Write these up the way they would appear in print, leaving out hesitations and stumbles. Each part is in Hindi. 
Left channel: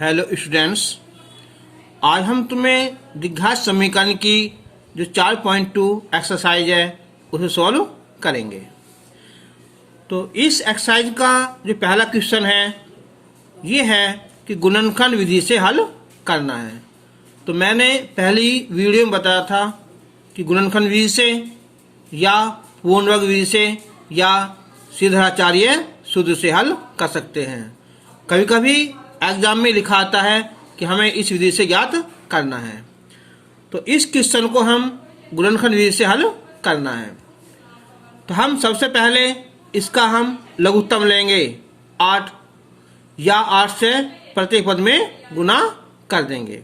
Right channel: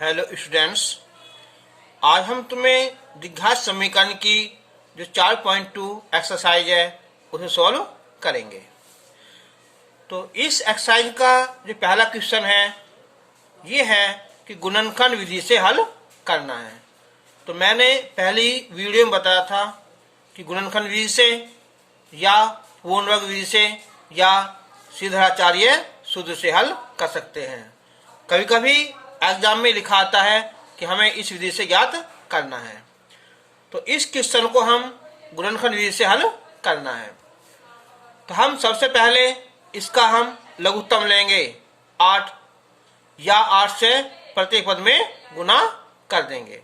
हेलो स्टूडेंट्स, आज हम तुम्हें द्विघात समीकरण की जो 4.2 एक्सरसाइज है उसे सॉल्व करेंगे। तो इस एक्सरसाइज का जो पहला क्वेश्चन है ये है कि गुणनखंड विधि से हल करना है। तो मैंने पहली वीडियो में बताया था कि गुणनखंड विधि से या पूर्ण वर्ग विधि से या सीधाचार्य सूत्र से हल कर सकते हैं। कभी कभी एग्जाम में लिखा आता है कि हमें इस विधि से ज्ञात करना है। तो इस क्वेश्चन को हम गुणनखंड विधि से हल करना है। तो हम सबसे पहले इसका हम लघुत्तम लेंगे 8 या 8 से प्रत्येक पद में गुना कर देंगे।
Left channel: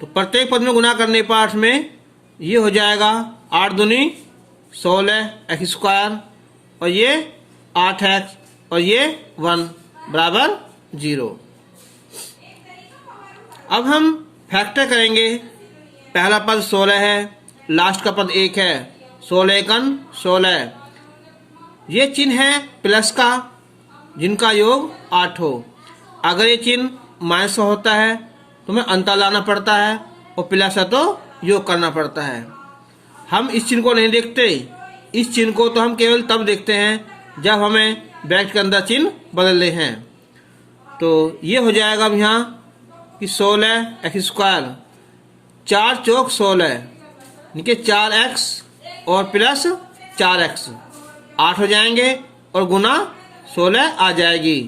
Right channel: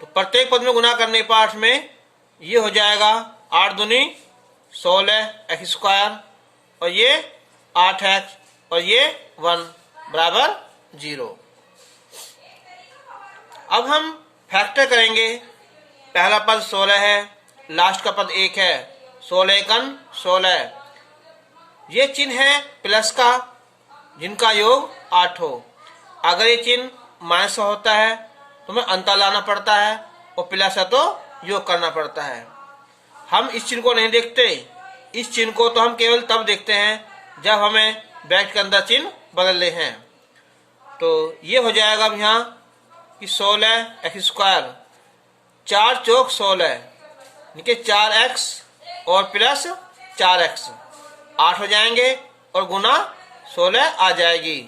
तो प्रत्येक पद में गुना करने पर में ये हो जाएगा 8 दूनी 16 एक्स स्क्वायर और ये 8x और ये 1 बराबर 0। अब हम फैक्टर करेंगे। पहला पद 16 है, लास्ट का पद 1 है, 16 एकन 16। ये चिन्ह है प्लस का जिनका योग 8 हो। अगर ये चिन्ह माइनस होता है तो हमें अंतर लाना पड़ता है और प्लस है तो योग करना पड़ता है। हम इस चिन्ह को नहीं देखते। इस चिन्ह को तो हम केवल तब देखते हैं जब हमें ब्रैकेट के अंदर चिन्ह बदलने हैं। तो ये हो जाएगा अब यहाँ कि 16 एक्स स्क्वायर 4 चौक 16 इनके 4x और प्लस 4x 8 हो जाएंगे और गुना 16 आ जाएगी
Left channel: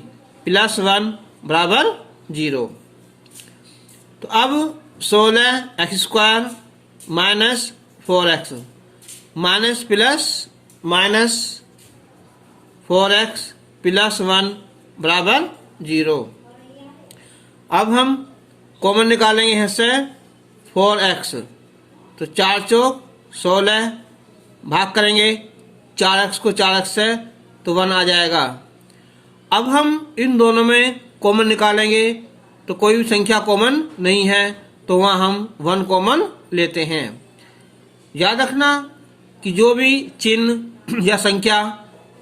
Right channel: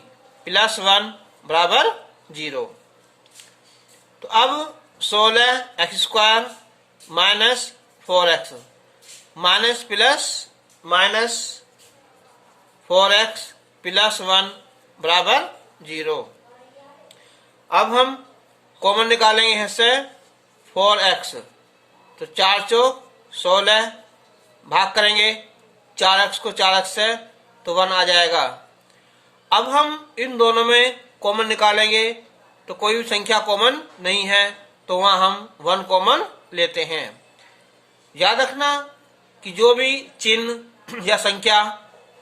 प्लस 1 बराबर 0। तो अब 16 x square minus 4x minus plus minus 4x plus 1 बराबर 0। अब हम कॉमन निकालेंगे यहाँ से 4x। तो 4 चौक 16 भाग करेंगे 4x को 4x से तो 1 आ जाएगा। अब हम इन दोनों में कॉमन निकालेंगे तो कोई भी संख्या कॉमन नहीं है तो वहाँ हम 1 कॉमन लेते हैं। याद रखना कि जो भी चिन्ह या संख्या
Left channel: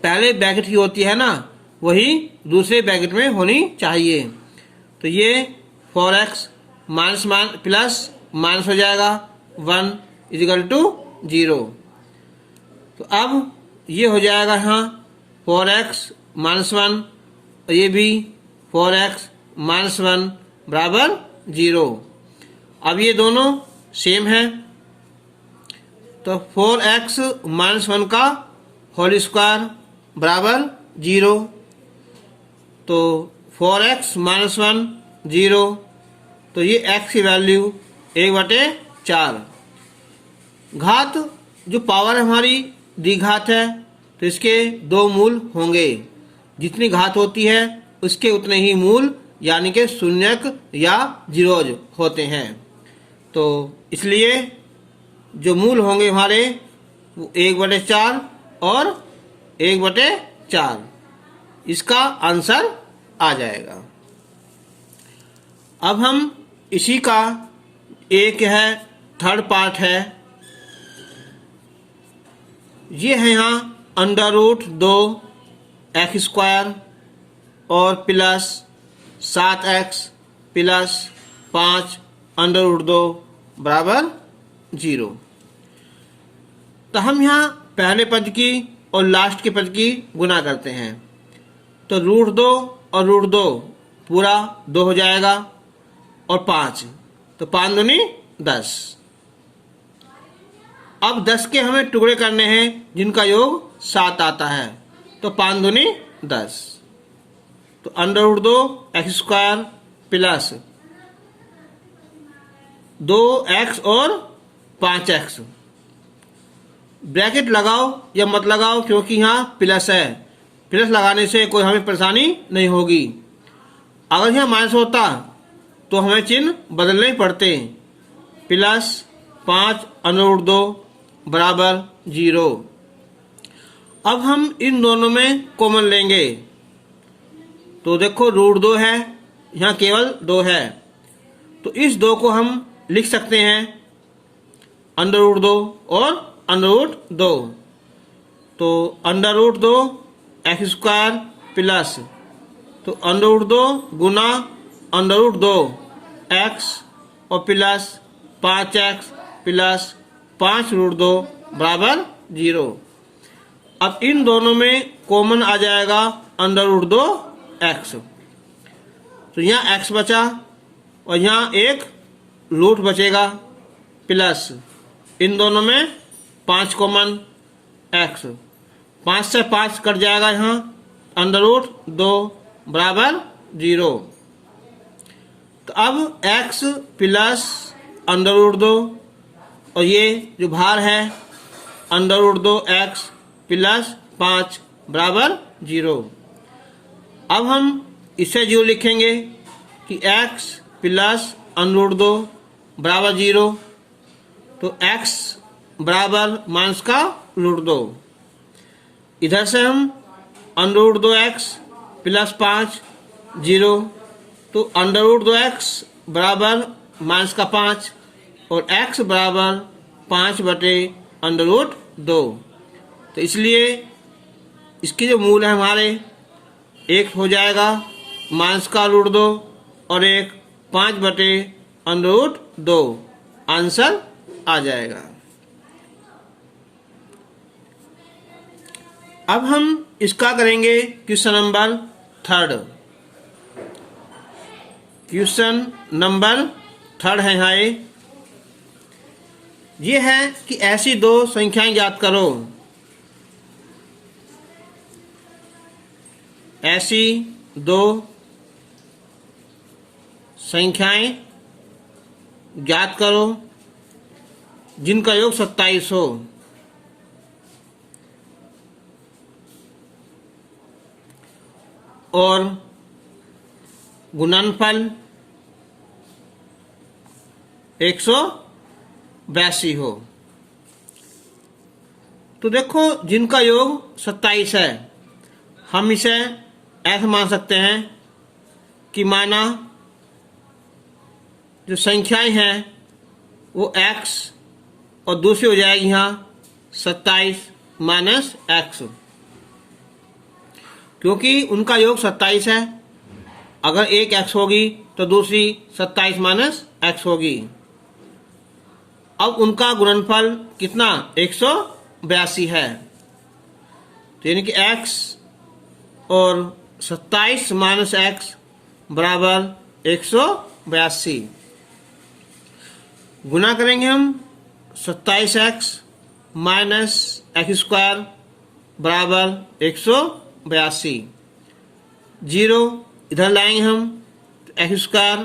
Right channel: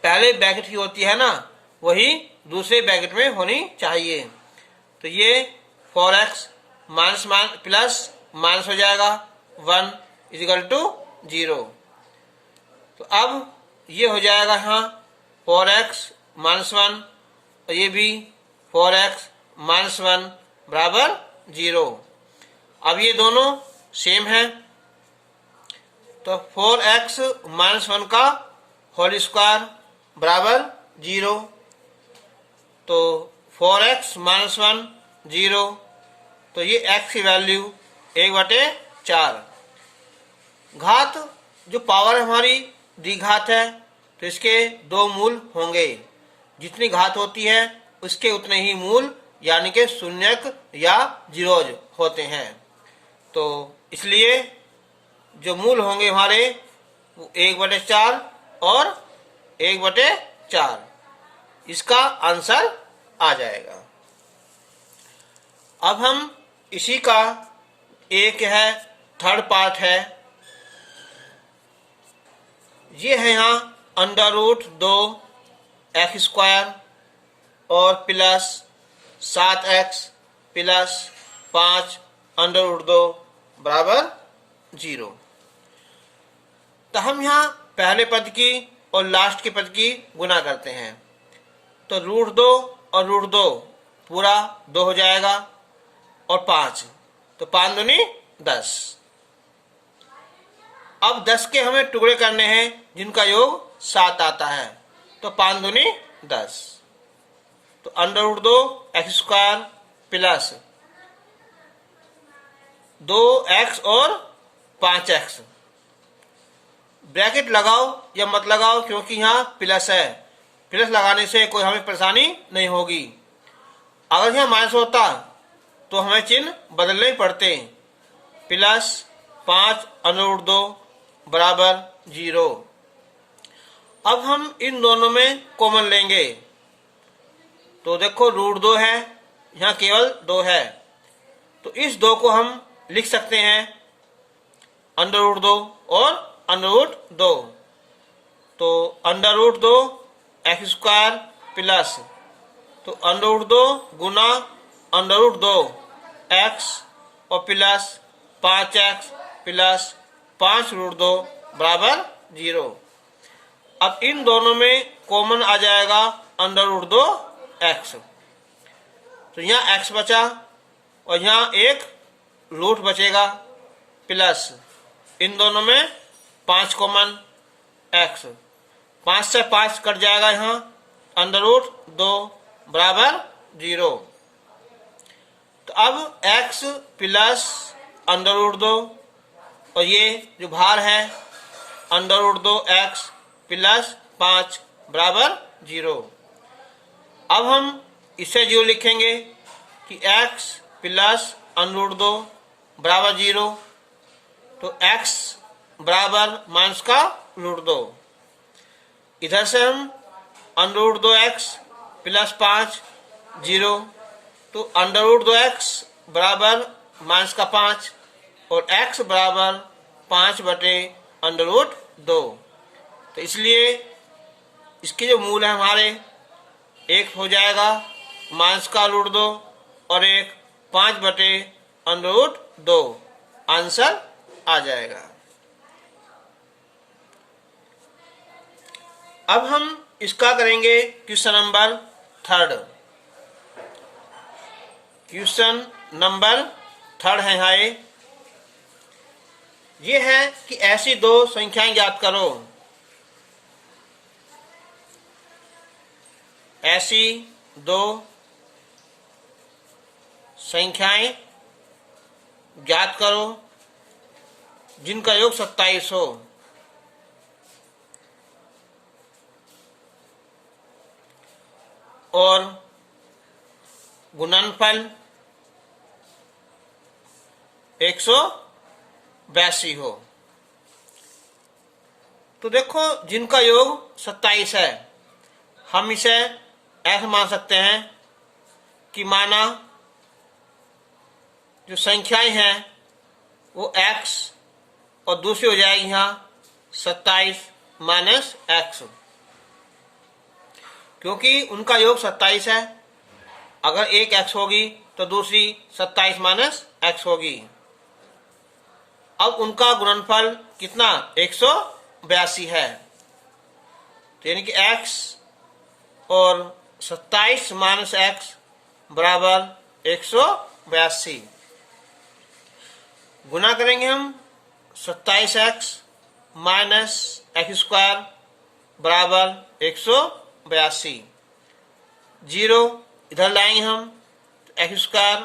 पहले ब्रैकेट की होती है ना वही दूसरे ब्रैकेट में होनी चाहिए। तो ये 4x माइनस प्लस माइनस हो जाएगा 1 इजिकल टू 0। तो अब ये हो जाएगा यहाँ 4x माइनस 1 और ये भी 4x माइनस 1 बराबर 0। अब ये दोनों सेम है तो 4x माइनस 1 का होल स्क्वायर बराबर 0। तो 4x माइनस 1 0 तो ये x की वैल्यू 1/4। घात जो पावर हमारी द्विघात है तो इसके 2 मूल होंगे। जितनी घात होती है उसके उतने ही मूल यानी कि शून्यक या जीरोज होते हैं। तो इसलिए जो मूल होंगे हमारे वो 1/4 और 1/4 इसका आंसर आ जाएगा। अब हम इसी का एक है थर्ड पार्ट है। ये है यहाँ √2 एक्स स्क्वायर और प्लस 7x प्लस 5 √2 बराबर 0। तो हम यहाँ पहले पद की और लास्ट के पद की गुना करते हैं। तो √2 और √2 पूरा 2 हो जाएगा और 5 तो 5 दूनी 10। अब 10 के हमें टुकड़े करने हैं जिनका योग 7 आता है तो 5 दूनी 10। तो √2 एक्स स्क्वायर प्लस 2x और 5x ब्रैकेट लगाओ या मत लगाओ क्योंकि यहाँ प्लस है। प्लस लगाने से कोई हमें परेशानी नहीं होगी। अगर यहाँ माइनस होता तो हमें चिन्ह बदलने ही पड़ते। प्लस 5 √2 बराबर 0। अब हम इन दोनों में कॉमन लेंगे। तो देखो √2 है यहाँ केवल 2 है तो इस 2 को हम लिख सकते हैं √2 और √2। तो √2 एक्स स्क्वायर प्लस तो √2 गुना अंडर रूट 2 एक्स और प्लस 5x प्लस 5 रूट 2 बराबर 0। अब इन दोनों में कॉमन आ जाएगा अंडर रूट 2 एक्स। तो यहाँ x बचा और यहाँ एक रूट बचेगा प्लस इन दोनों में 5 कॉमन x, 5 से 5 कट जाएगा, यहाँ अंडर रूट 2 बराबर 0। तो अब x प्लस अंडर रूट 2 और ये जो भार है अंडर रूट 2 एक्स प्लस 5 बराबर 0। अब हम इसे 0 लिखेंगे कि x प्लस अंडर रूट 2 बराबर 0। तो x बराबर माइनस का रूट 2। इधर से हम अंडर रूट 2 एक्स प्लस 5 0। तो अंडर रूट 2 एक्स बराबर माइनस का 5 और x बराबर 5 बटे अंडर रूट 2। तो इसलिए इसके जो मूल है हमारे एक हो जाएगा माइनस का रूट 2 और एक 5 बटे अंडर रूट 2। आंसर आ जाएगा। अब हम इसका करेंगे क्वेश्चन नंबर 3। क्वेश्चन नंबर 3 है यहाँ ये है कि ऐसी दो संख्याएं ज्ञात करो। ऐसी दो संख्याएं ज्ञात करो जिनका योग 27 हो और गुणनफल 182 हो। तो देखो जिनका योग 27 है, हम इसे ऐसा मान सकते हैं कि माना जो संख्याएं हैं वो x और दूसरी हो जाएगी यहाँ 27 माइनस एक्स, क्योंकि उनका योग 27 है। अगर एक x होगी तो दूसरी 27 माइनस एक्स होगी। अब उनका गुणनफल कितना 182 है। तो यानी कि x और 27 माइनस एक्स बराबर 182। गुना करेंगे हम 27x माइनस एक्स स्क्वायर बराबर 182। 0 इधर लाएंगे हम तो एक्स स्क्वायर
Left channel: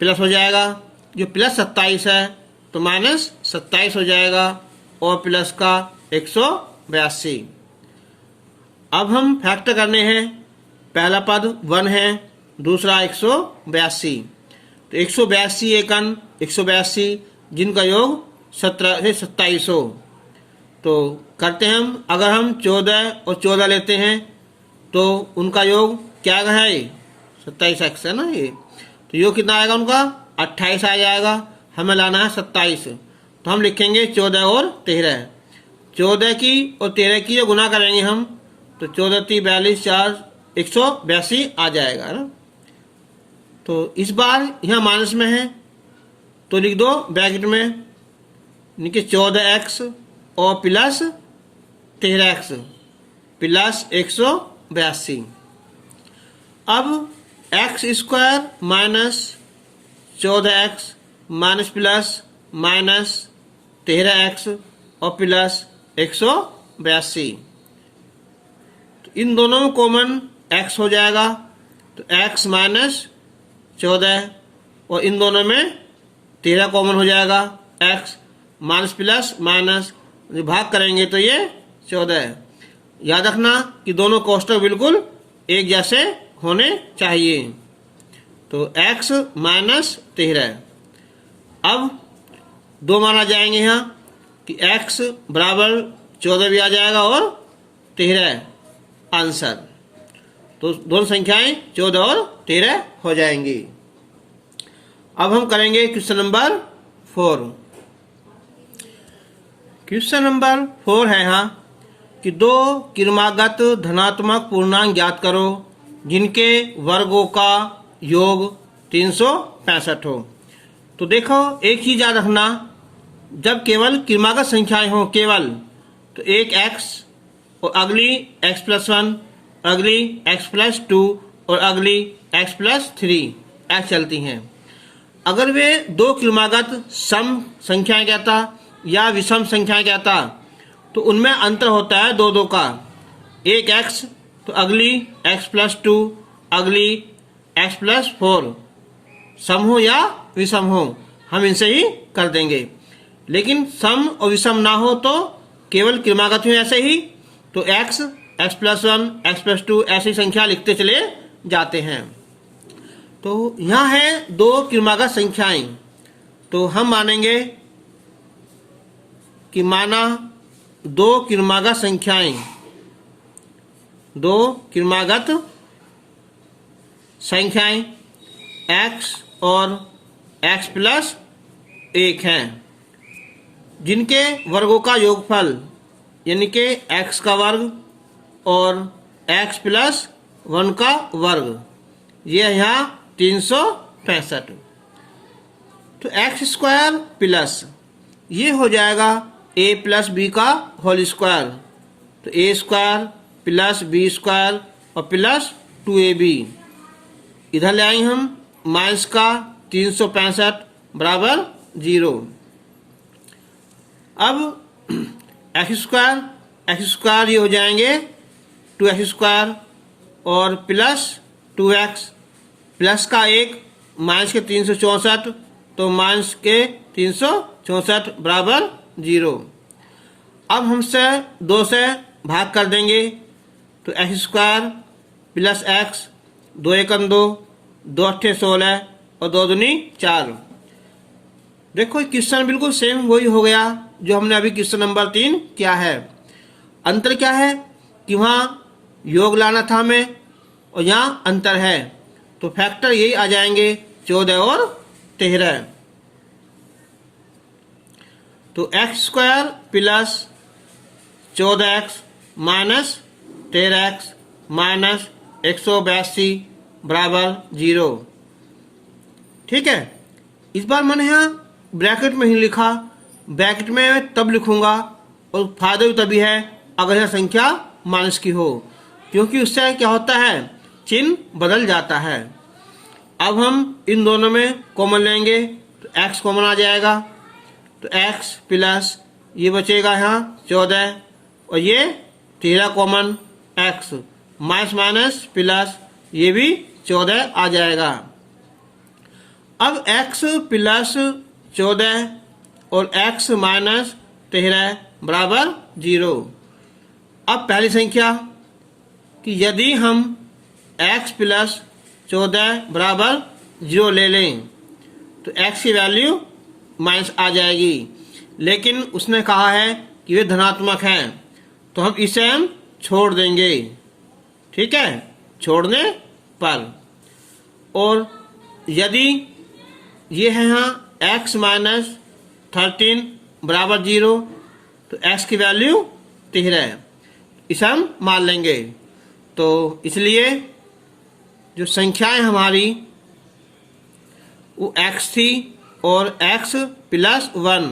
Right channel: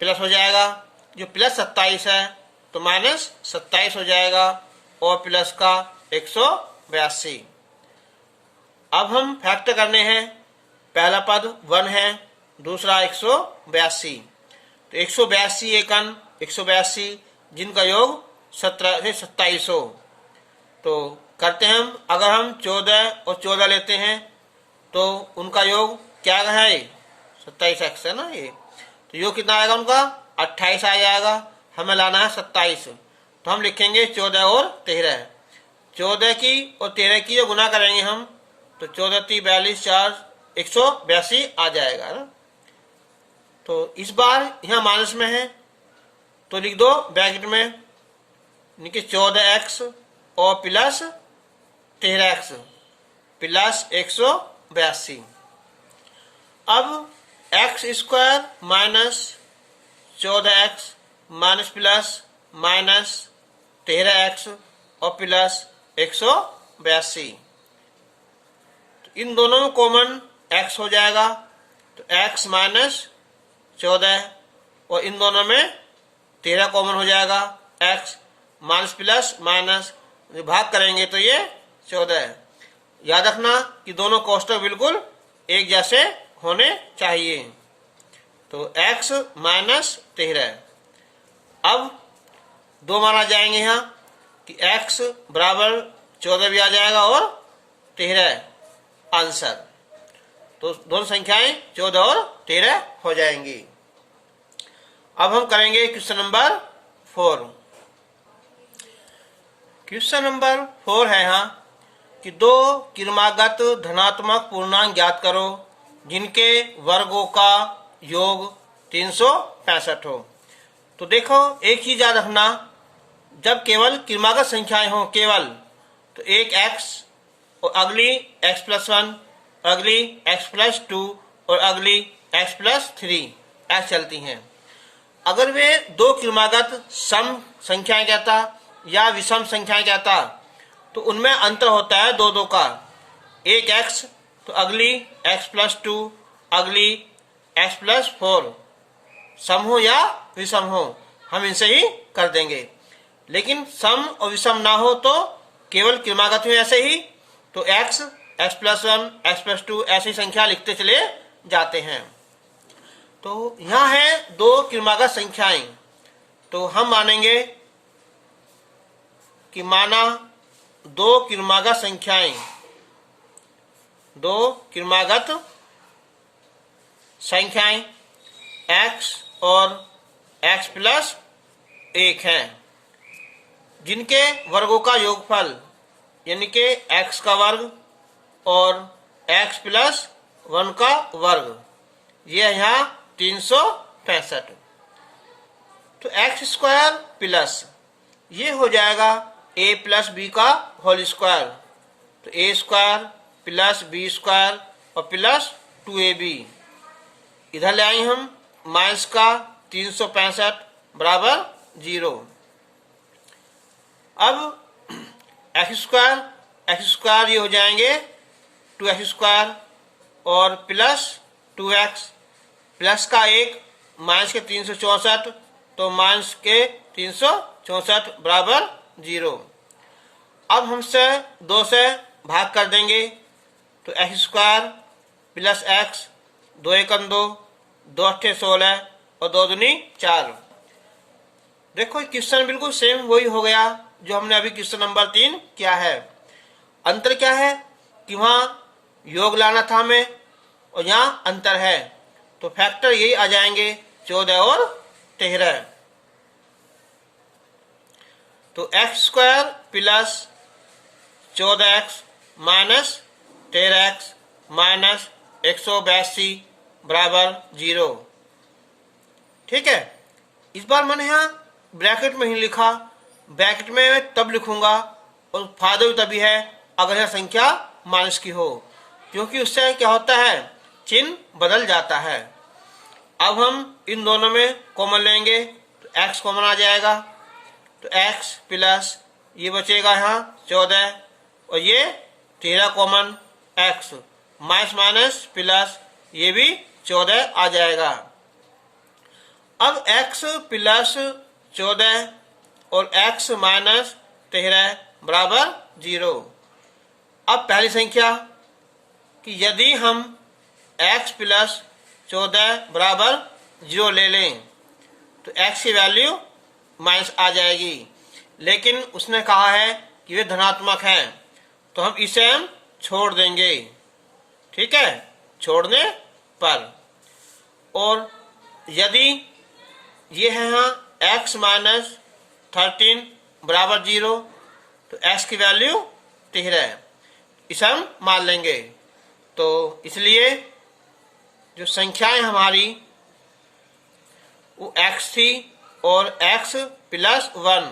प्लस हो जाएगा, जो प्लस 27 है तो माइनस 27 हो जाएगा और प्लस का 182। अब हम फैक्टर करने हैं। पहला पद 1 है, दूसरा 182। तो 182 एकन 182 जिनका योग 17 से 27 हो। तो करते हैं हम, अगर हम 14 और 14 लेते हैं तो उनका योग क्या है 27x है ना ये। तो योग कितना आएगा उनका 28 आ जाएगा। हमें लाना है 27। तो हम लिखेंगे 14 और 13। 14 की और 13 की जो गुना करेंगे हम तो 14 3 42 4 182 आ जाएगा ना। तो इस बार यहाँ माइनस में है तो लिख दो ब्रैकेट में, यानी कि 14x और प्लस 13x प्लस 182। अब x square minus 14x minus plus minus 13x और प्लस 182। तो इन दोनों में कॉमन x हो जाएगा तो x माइनस 14 और इन दोनों में 13 कॉमन हो जाएगा। x माइनस प्लस माइनस भाग करेंगे तो ये 14। याद रखना कि दोनों कोष्टक बिल्कुल एक जैसे होने चाहिए। तो x माइनस 13। अब 2 माना जाएंगे यहाँ कि x बराबर 14 भी आ जाएगा और 13 आंसर। तो दोनों संख्याएं 14 और 13 हो जाएंगी। अब हम करेंगे क्वेश्चन नंबर 4। क्वेश्चन नंबर 4 है यहाँ कि दो क्रमागत धनात्मक पूर्णांक ज्ञात करो जिनके वर्गों का योग 365 हो। तो देखो एक चीज याद रखना, जब केवल क्रमागत संख्याएं हो केवल, तो एक x और अगली x+1, अगली x+2 और अगली x+3 ऐसे चलती हैं। अगर वे दो क्रमागत सम संख्याएं कहता या विषम संख्याएं कहता तो उनमें अंतर होता है दो दो का, एक x तो अगली x+2, अगली x+4, सम हो या विषम हो हम इनसे ही कर देंगे। लेकिन सम और विषम ना हो तो केवल क्रमागत हो ऐसे ही, तो x, x+1, x+2 ऐसी संख्या लिखते चले जाते हैं। तो यहाँ है दो क्रमागत संख्याएं, तो हम मानेंगे कि माना दो क्रमागत संख्याएं, दो क्रमागत संख्याएं x और x+1 हैं, जिनके वर्गों का योगफल यानी कि x का वर्ग और x+1 का वर्ग, ये है यहाँ 365। तो x² प्लस ये हो जाएगा a+b का होल स्क्वायर, तो a² प्लस b² और प्लस 2ab, इधर ले आए हम माइनस का 365 बराबर 0। अब x² ये हो जाएंगे 2x² और प्लस 2x, प्लस का 1 माइनस के 364, तो माइनस के 364 बराबर 0। अब हमसे 2 से भाग कर देंगे, तो x² प्लस x, 2 एकम 2, 2 अट्ठे 16 और 2 दूनी 4। देखो क्वेश्चन बिल्कुल सेम वही हो गया जो हमने अभी क्वेश्चन नंबर 3 किया है। अंतर क्या है कि वहां योग लाना था हमें और यहाँ अंतर है, तो फैक्टर यही आ जाएंगे 14 और 13। तो x² plus 14x minus 13x minus 182 बराबर 0। ठीक है, इस बार मैंने यहाँ ब्रैकेट में ही लिखा, ब्रैकेट में तब लिखूंगा और फायदा भी तभी है अगर यह संख्या माइनस की हो, क्योंकि उससे क्या होता है चिन्ह बदल जाता है। अब हम इन दोनों में कॉमन लेंगे, तो x कॉमन आ जाएगा, तो x प्लस ये बचेगा यहाँ 14 और ये 13 common, x minus minus plus ये भी 14 आ जाएगा। अब x प्लस 14 और x माइनस 13 बराबर 0। अब पहली संख्या कि यदि हम x प्लस 14 बराबर 0 ले लें तो x की वैल्यू माइनस आ जाएगी, लेकिन उसने कहा है कि वे धनात्मक है, तो हम इसे हम छोड़ देंगे। ठीक है, छोड़ने पर, और यदि ये है यहाँ x माइनस 13 बराबर 0, तो x की वैल्यू 13 है, इसे हम मान लेंगे। तो इसलिए जो संख्याएं हमारी वो x थी और x प्लस 1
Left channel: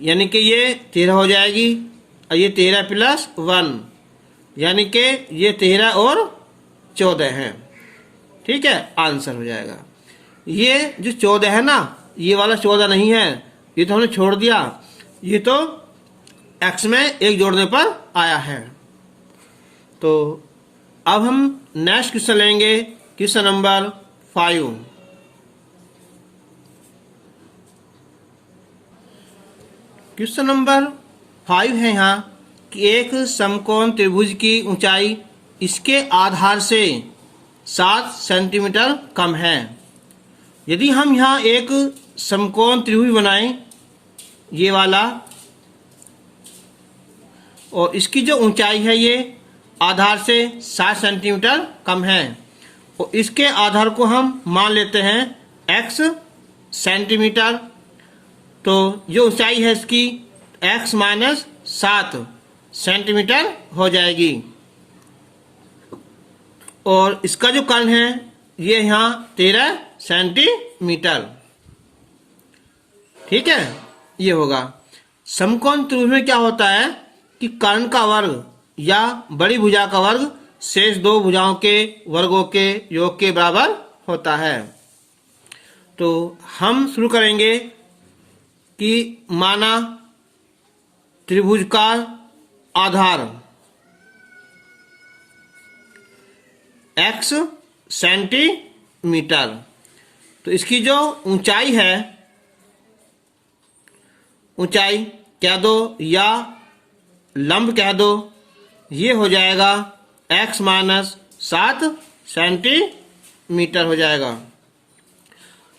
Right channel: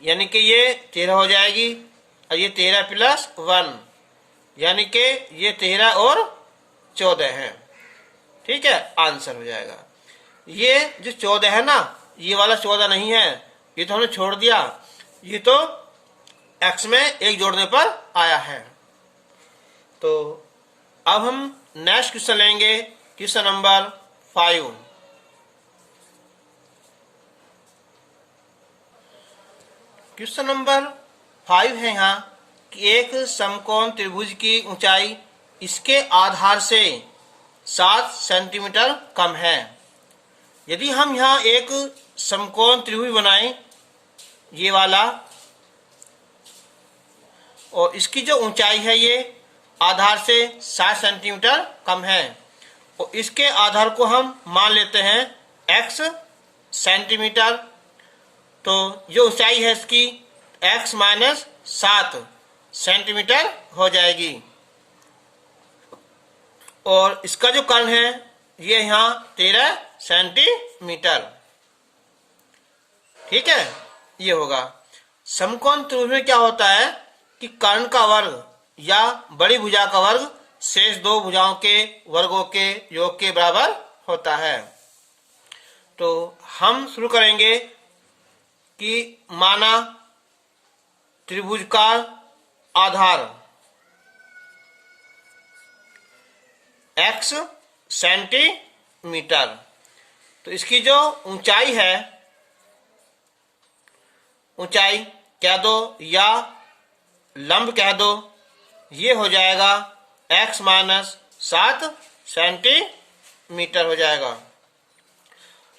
यानी कि ये 13 हो जाएगी, और ये 13 प्लस 1 यानी कि ये 13 और 14 है। ठीक है, आंसर हो जाएगा। ये जो 14 है ना, ये वाला 14 नहीं है, ये तो हमने छोड़ दिया, ये तो x में एक जोड़ने पर आया है। तो अब हम नेक्स्ट क्वेश्चन लेंगे, क्वेश्चन नंबर 5। क्वेश्चन नंबर 5 है यहाँ कि एक समकोण त्रिभुज की ऊंचाई इसके आधार से 7 सेंटीमीटर कम है। यदि हम यहाँ एक समकोण त्रिभुज बनाएं, ये वाला, और इसकी जो ऊंचाई है ये आधार से 7 सेंटीमीटर कम है, और इसके आधार को हम मान लेते हैं x सेंटीमीटर, तो जो ऊंचाई है इसकी x माइनस 7 सेंटीमीटर हो जाएगी, और इसका जो कर्ण है ये यहाँ 13 सेंटीमीटर। ठीक है, ये होगा। समकोण त्रिभुज में क्या होता है कि कर्ण का वर्ग या बड़ी भुजा का वर्ग शेष दो भुजाओं के वर्गों के योग के बराबर होता है। तो हम शुरू करेंगे कि माना त्रिभुज का आधार x सेंटीमीटर, तो इसकी जो ऊंचाई है, ऊंचाई कह दो या लंब कह दो, ये हो जाएगा x माइनस 7 सेंटीमीटर हो जाएगा।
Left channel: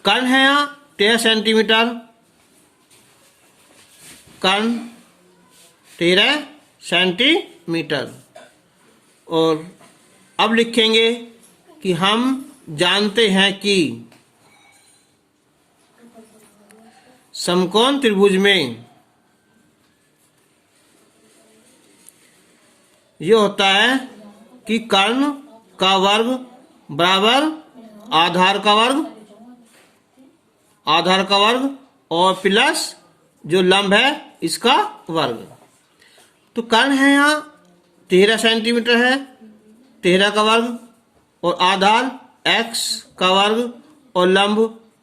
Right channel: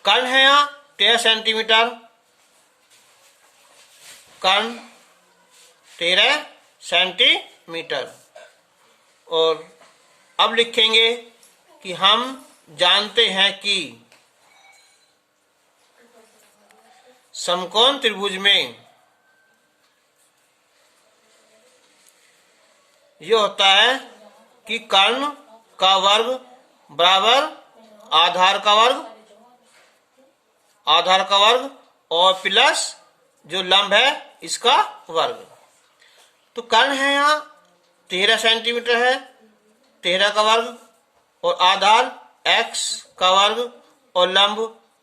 कर्ण है यहाँ 13 सेंटीमीटर, कर्ण 13 सेंटीमीटर। और अब लिखेंगे कि हम जानते हैं कि समकोण त्रिभुज में ये होता है कि कर्ण का वर्ग बराबर आधार का वर्ग, आधार का वर्ग और प्लस जो लंब है इसका वर्ग। तो कर्ण है यहाँ 13 सेंटीमीटर है, 13 का वर्ग और आधार x का वर्ग और लंब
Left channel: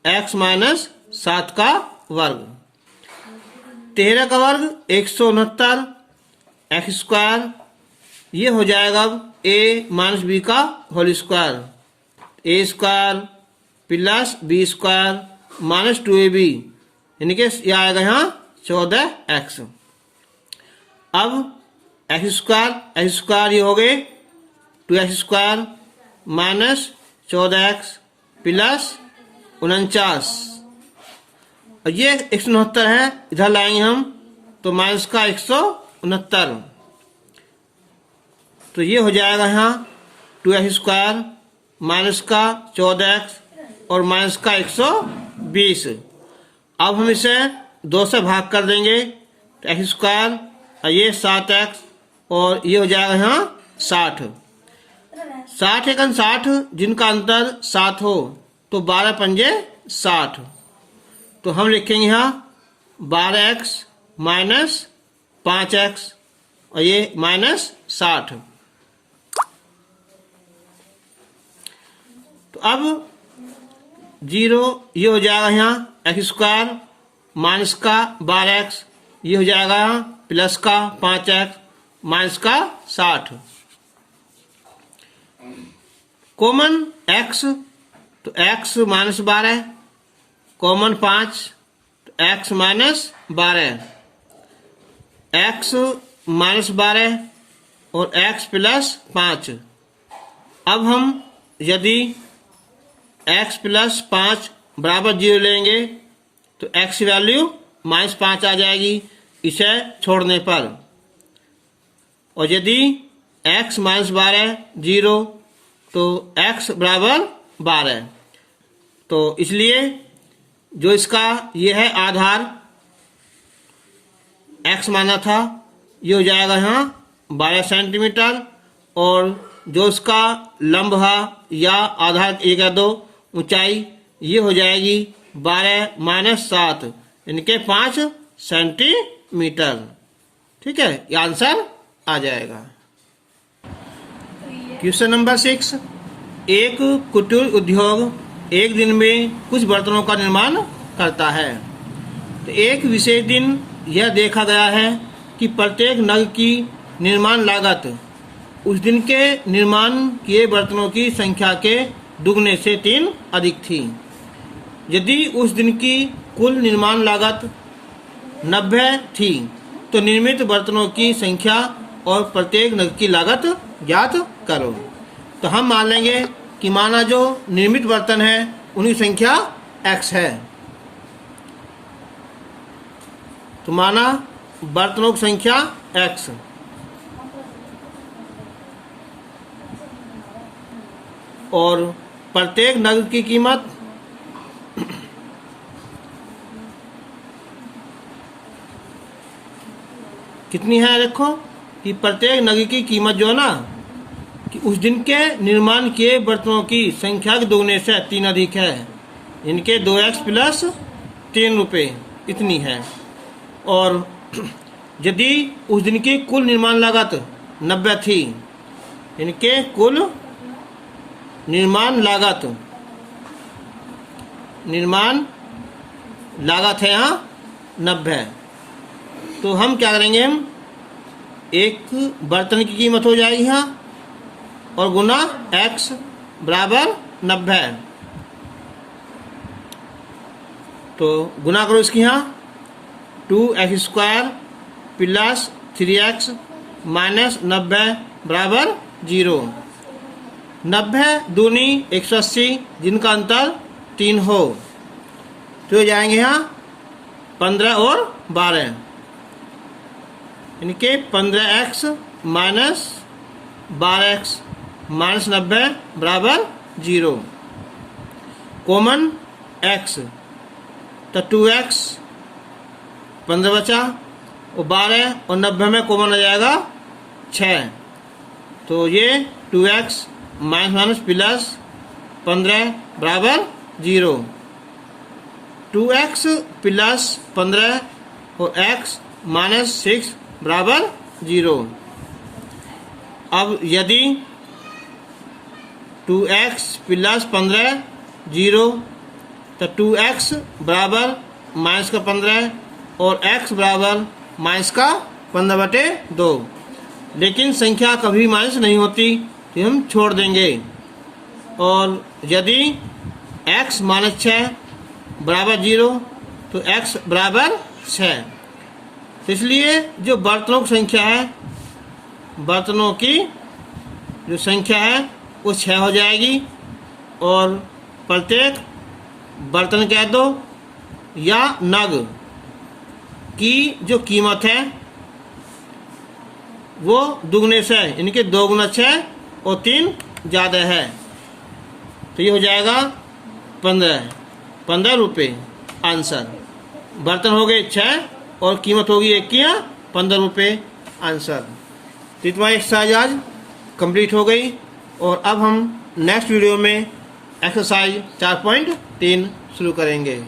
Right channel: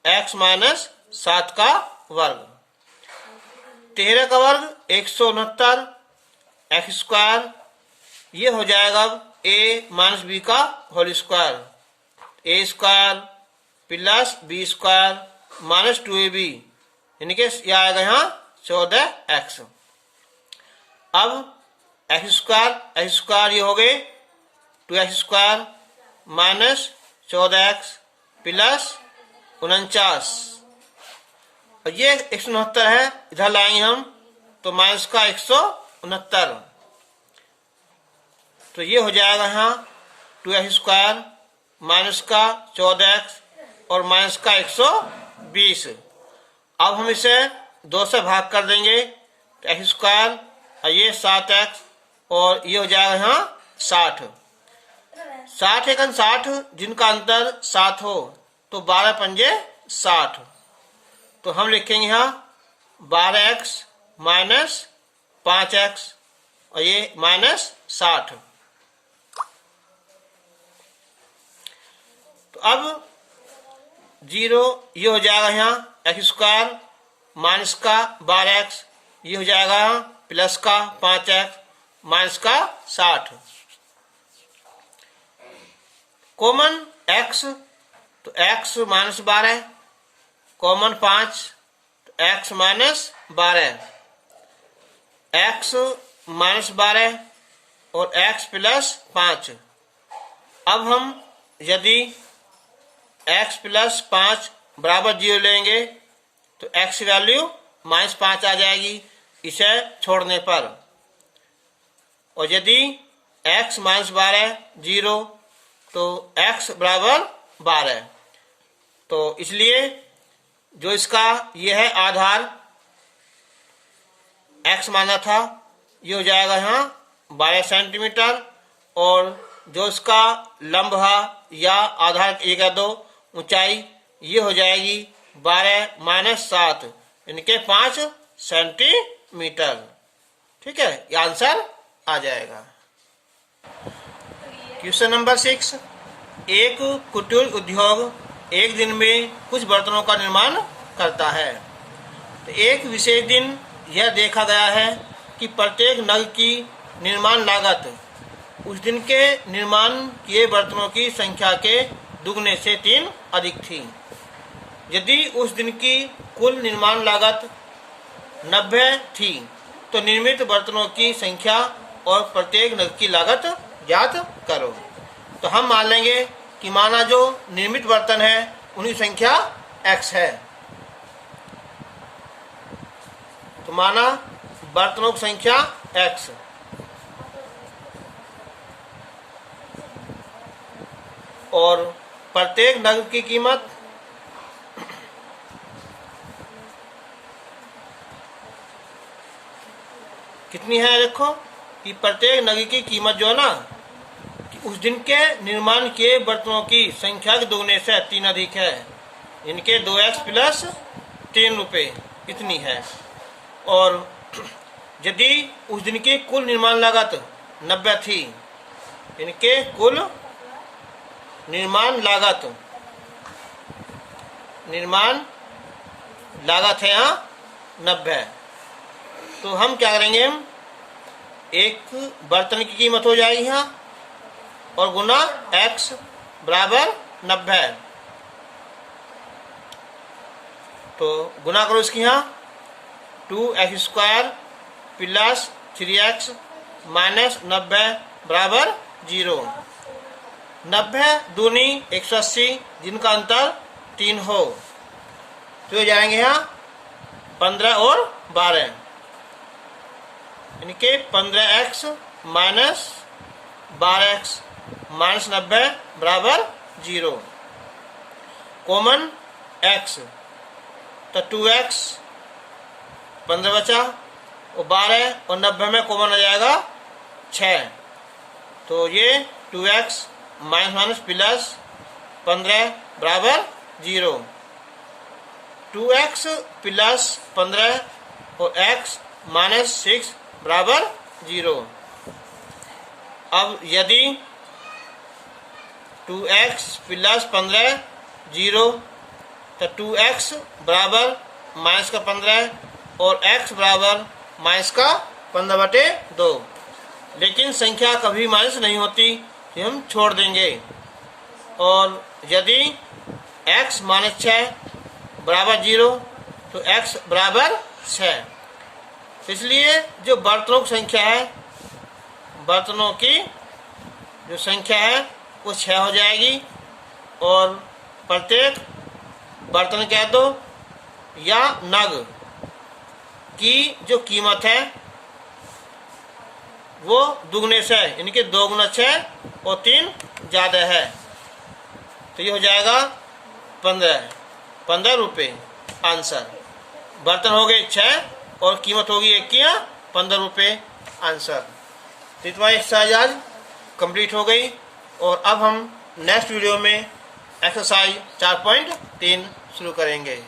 x माइनस 7 का वर्ग। 13 का वर्ग 169 x स्क्वायर, ये हो जाएगा a माइनस बी का whole square, a square plus B square minus 2ab, यानी कि यह आएगा यहाँ 14x। अब x स्क्वायर ये हो गए 2x square minus 14x plus 49, और ये 169 है, इधर लाएंगे हम तो माइनस का 169, तो ये हो जाएगा यहाँ 2x स्क्वायर माइनस का 14x और माइनस का 120। अब हम इसे 2 से भाग कर देंगे तो x स्क्वायर और ये 7x और ये हो जाएगा यहाँ 60। 60 एकन 60, जिनका अंतर 7 हो तो 12 पंजे 60, तो हम लिखेंगे यहाँ 12x माइनस 5x और ये माइनस 60। तो अब 0 ये हो जाएगा यहाँ x स्क्वायर माइनस का 12x, ये हो जाएगा यहाँ प्लस का 5x माइनस का 60। कॉमन x, तो x माइनस 12, कॉमन 5 तो x माइनस 12, x माइनस 12 और x प्लस 5। अब हम यदि x प्लस 5 बराबर 0 लेंगे तो x की वैल्यू माइनस 5 आ जाएगी इसे छोड़ने पर, और यदि x माइनस 12 0 तो x बराबर 12, तो इसलिए जो इसका ये है आधार x माना था, ये हो जाएगा यहाँ 12 सेंटीमीटर, और जो इसका लंब है या आधार ये कह दो ऊंचाई, ये हो जाएगी 12 माइनस 7 यानी कि 5 सेंटीमीटर। ठीक है, ये आंसर आ जाएगा। क्वेश्चन नंबर 6, एक कुटीर उद्योग एक दिन में कुछ बर्तनों का निर्माण करता है। तो एक विशेष दिन यह देखा गया है कि प्रत्येक नग की निर्माण लागत उस दिन के निर्माण किए बर्तनों की संख्या के दुगने से 3 अधिक थी। यदि उस दिन की कुल निर्माण लागत 90 थी तो निर्मित बर्तनों की संख्या और प्रत्येक नग की लागत ज्ञात करो। तो हम मान लेंगे कि माना जो निर्मित बर्तन है उनकी संख्या x है, तो माना बर्तनों की संख्या x, और प्रत्येक नग की कीमत कितनी है। देखो कि प्रत्येक नग की कीमत जो है ना कि उस दिन के निर्माण किए बर्तनों की संख्या के दोगुने से 3 अधिक है, इनके 2x प्लस 3 रुपये इतनी है। और यदि उस दिन की कुल निर्माण लागत 90 थी, इनके कुल निर्माण लागत है यहाँ 90, तो हम क्या करेंगे, हम एक बर्तन की कीमत हो जाएगी यहाँ और गुना x बराबर 90, तो गुना करो इसकी यहाँ 2x² प्लस 3x माइनस 90 बराबर 0। 90 दूनी 180, जिनका अंतर 3 हो, तो हो जाएंगे यहाँ 15 और 12, इनके 15x माइनस 12x माइनस 90 बराबर 0। कॉमन x, तो 2x 15 बचा और 12 और 90 में कॉमन आ जाएगा 6, तो ये 2x माइनस माइनस प्लस 15 बराबर 0। 2x प्लस 15 और x माइनस 6 बराबर 0। अब यदि 2x प्लस 15 0, तो 2x बराबर माइनस का 15 और x बराबर माइनस का 15/2, लेकिन संख्या कभी माइनस नहीं होती, तो हम छोड़ देंगे। और यदि x माइनस 6 बराबर 0, तो x बराबर 6, इसलिए जो बर्तनों की संख्या है, बर्तनों की जो संख्या है वो 6 हो जाएगी, और प्रत्येक बर्तन कह दो या नग की जो कीमत है वो दुगने से, इनके 2 गुना 6 और 3 ज़्यादा है, तो ये हो जाएगा 15 रुपये आंसर। बर्तन हो गए 6 और कीमत होगी 1 की 15 रुपये आंसर। तो तुम्हारी एक्सरसाइज आज कंप्लीट हो गई, और अब हम नेक्स्ट वीडियो में एक्सरसाइज 4.3 शुरू करेंगे।